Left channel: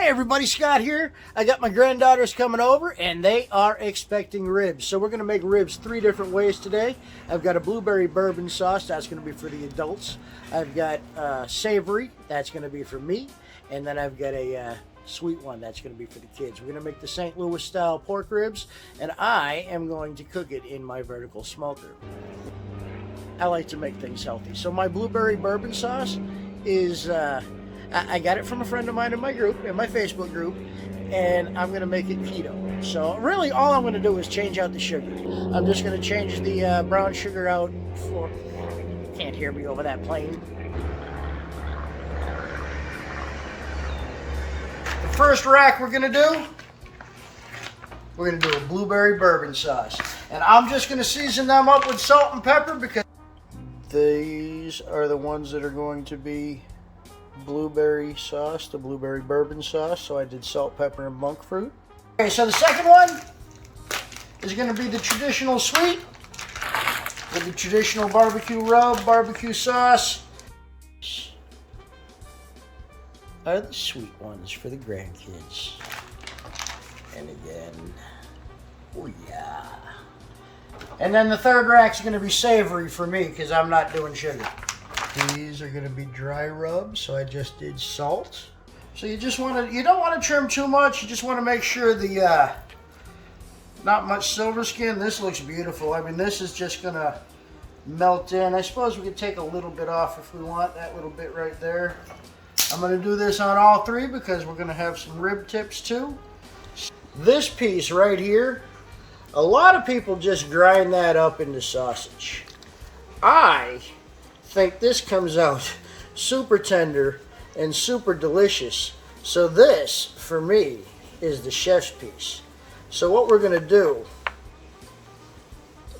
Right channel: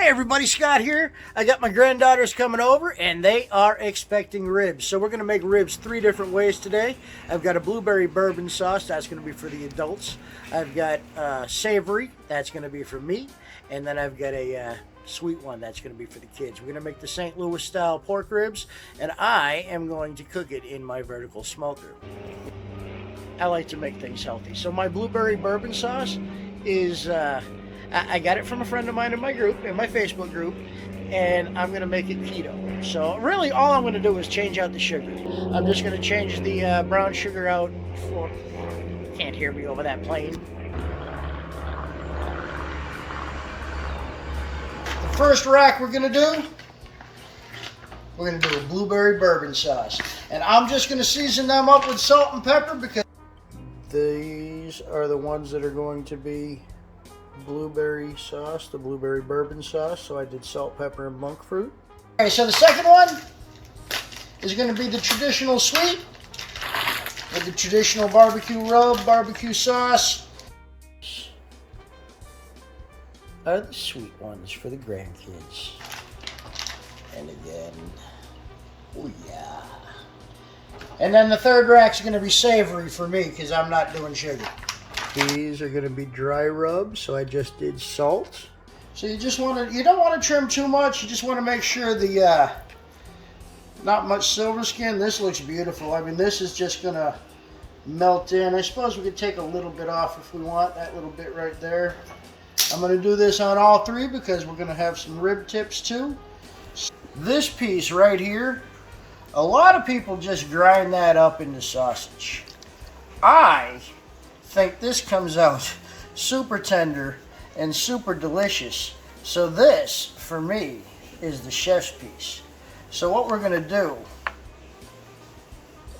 Hey everybody, Scott here. I got my granddaughters coming over and they are expecting ribs. So we're going to make ribs 3 different ways today. I've got a blueberry bourbon sauce, that's going to be for the adults. I've got savory, that's going to be for me. And then I've got a sweet one, that's going to be for the kids. We're going to make the St. Louis style pork ribs and I am going to cook it in my vertical smoker. I like to make things healthy. So my blueberry bourbon sauce is... I got it from a friend of mine in my group, in my Facebook group, and I'm going to make it keto. So really all I'm going to do is change out the sugar. I'm just going to change the brown sugar out for... Can't hear me over that plane. The first rack we're going to do, we're going to do a blueberry bourbon sauce. And I'm just going to season them up with salt and pepper because these are the ones that are going to be blueberry sauce, the blueberry bourbon sauce. So I did salt, pepper, and monk fruit. Okay, so the second one is going to be the traditional sweet with the traditional barbecue rub, barbecue sauce. Are the sweet ones for the grandkids. And again, oh yeah. And then the third rack's going to be savory for me because I'm not doing sugar. These are going to be dry rubs, so I just did salt. So you don't want to trim too much. You just want to make sure the not much silver skin. This looks beautiful. I mean, this is just going to melt in. I suppose we could take a little bit off if we want, that little bit right there. I'm going to do this on all 3 because we're going to have some rib tips too. This piece right here, a lot of people just grind that up into sausage. I think this comes out super tender and super delicious. So this, for me, is the chef's piece. So what we're going to do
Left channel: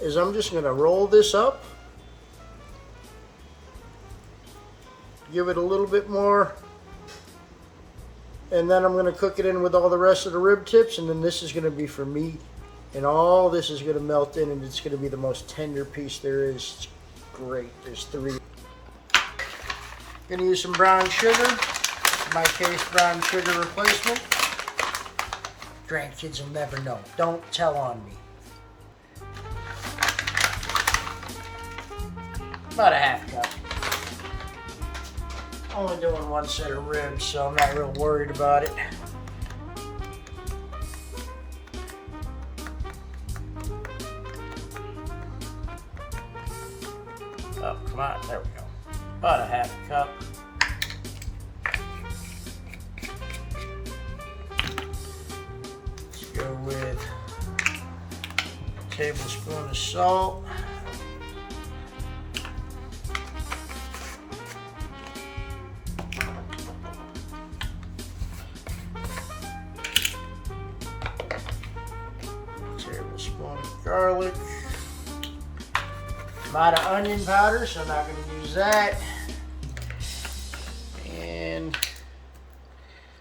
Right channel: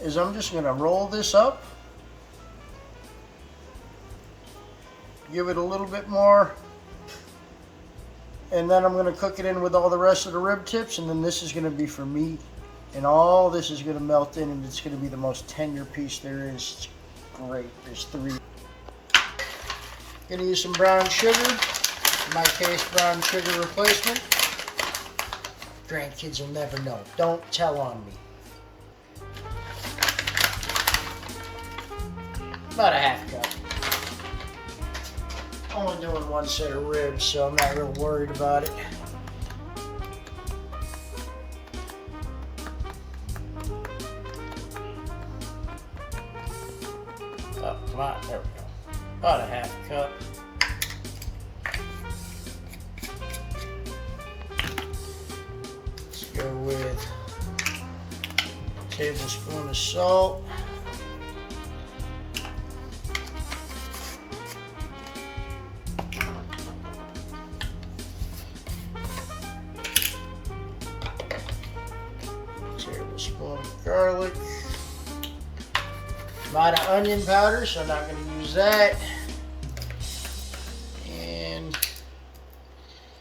is I'm just going to roll this up, give it a little bit more, and then I'm going to cook it in with all the rest of the rib tips, and then this is going to be for me, and all this is going to melt in, and it's going to be the most tender piece there is. Great, there's 3. Gonna use some brown sugar, in my case brown sugar replacement. Grandkids will never know, don't tell on me. About a half cup. Only doing 1 set of ribs, so I'm not real worried about it. Oh, come on, there we go. About a half cup. Let's go with a tablespoon of salt. Tablespoon of garlic. I'm out of onion powder, so I'm not going to use that. And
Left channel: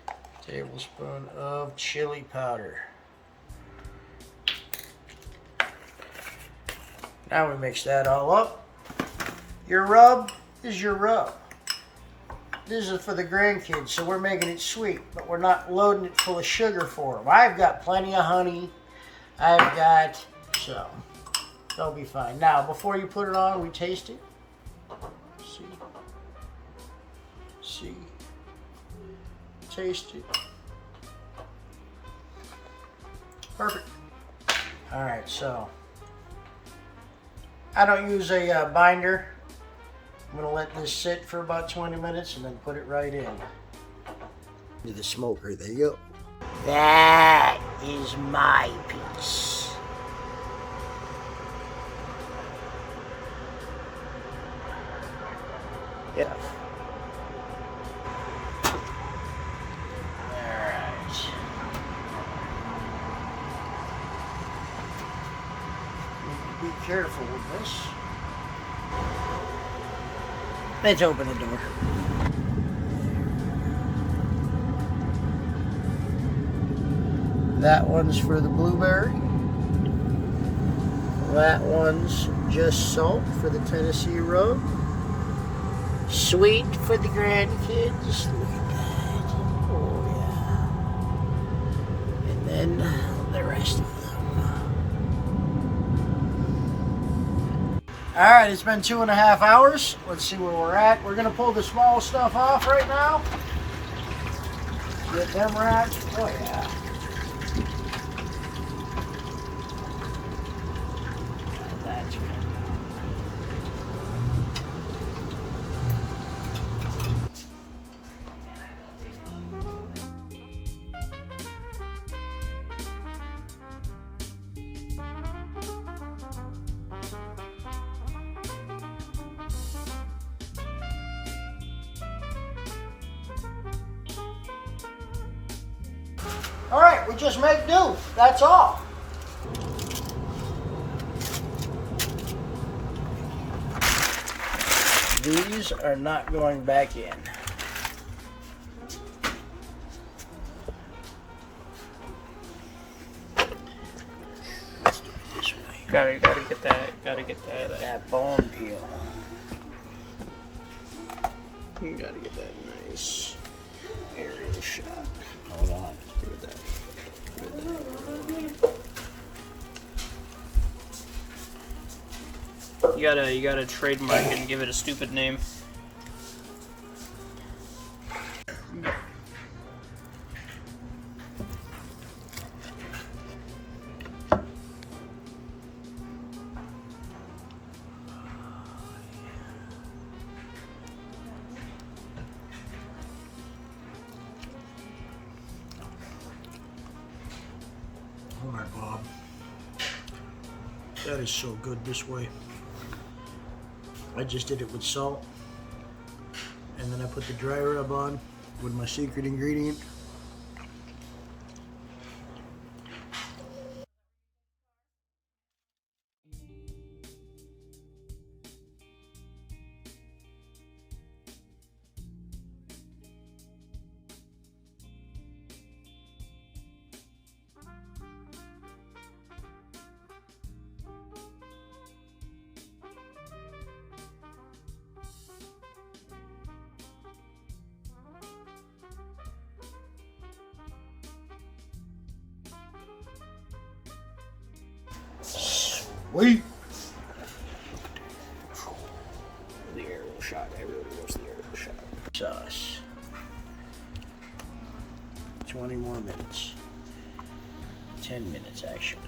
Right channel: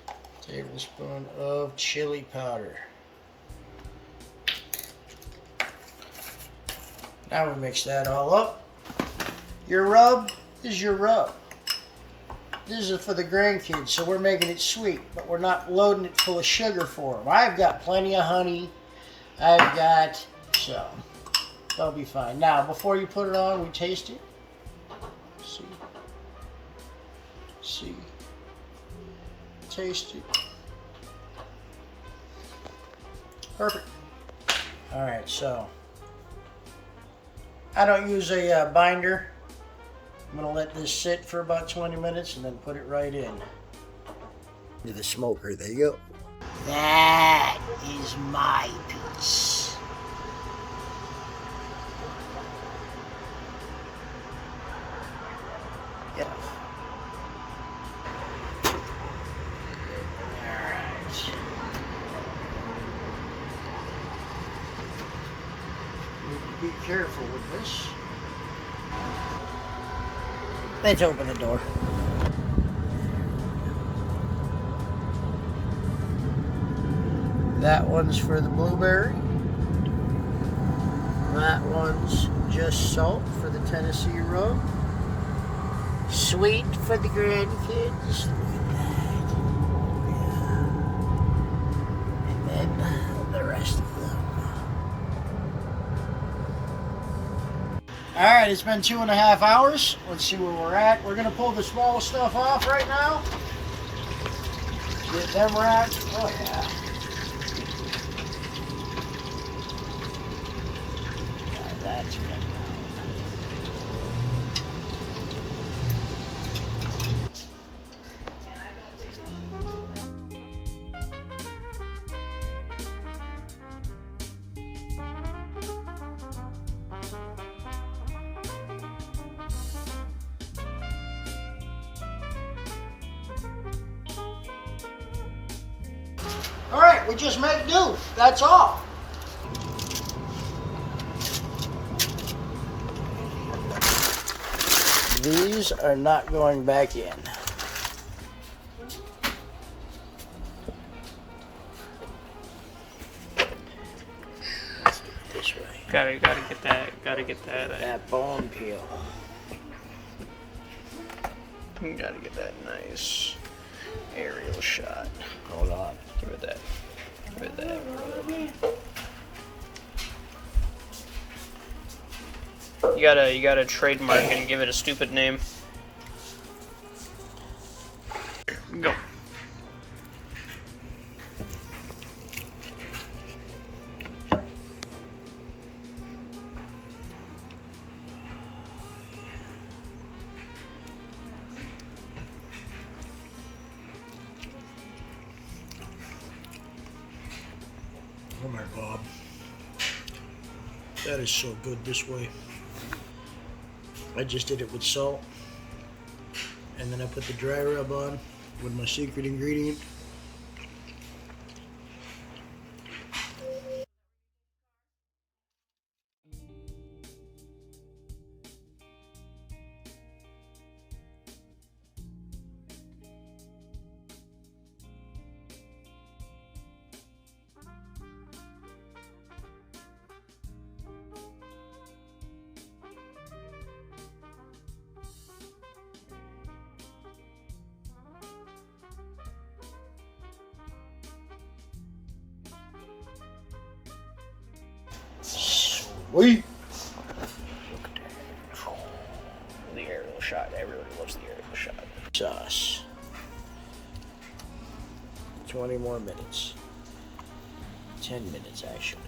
a tablespoon of chili powder. Now we mix that all up. Your rub is your rub. This is for the grandkids, so we're making it sweet, but we're not loading it full of sugar for them. I've got plenty of honey. I've got, so they'll be fine. Now, before you put it on, we taste it. See, taste it. Perfect. All right, so I don't use a binder. I'm gonna let this sit for about 20 minutes and then put it right in. To the smoker, there you go. That is my piece. Yeah. Alright. Be careful with this. Let's open the door. That one's for the blueberry. That one's just salt for the Tennessee rub. Sweet for the grandkids. Look at that. Oh, yeah. All right, it's been 2.5 hours. Let's see where we're at. We're gonna pull the small stuff off right now. Get them racked. Oh yeah. Now that's good. All right, we just make do. That's all. These are not going back in. Let's do it this way. Gotta get that. That bone peel. You gotta get that nice aerial shot. Hold on. Give it that. Give it that. You gotta trademark and give it a stupid name. Go. Oh my Bob. That is so good this way. I just did it with salt. And then I put the dry rub on with my secret ingredient. Sweet. Look at that. The aerial shot. Everybody loves the aerial shot. Sauce. 20 more minutes. 10 minutes actually.